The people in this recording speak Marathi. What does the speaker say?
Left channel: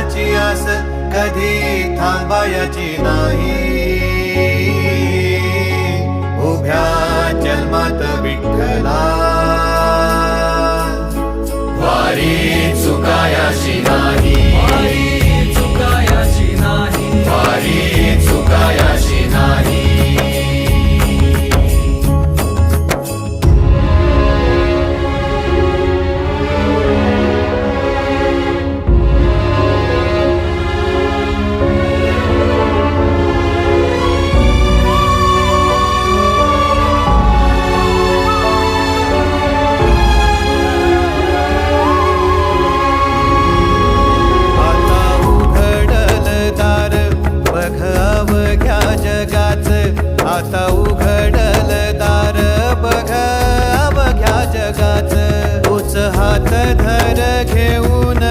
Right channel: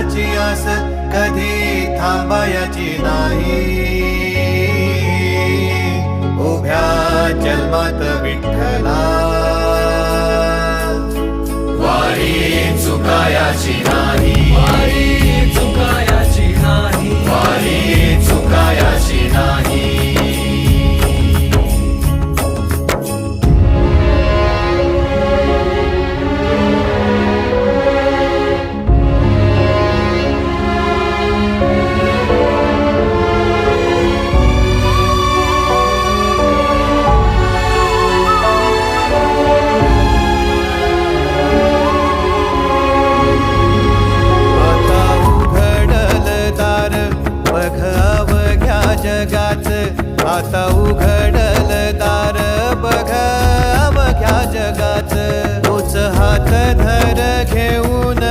देवाची आस कधी थांबायची नाही. उभ्या जन्मात विठ्ठला वारी चुकायाची नाही. वारी चुकायाची नाही. बघ अवघ्या जगाच, आता उघडल दार बघ अवघ्या जगाच. तूच हात धर घेऊन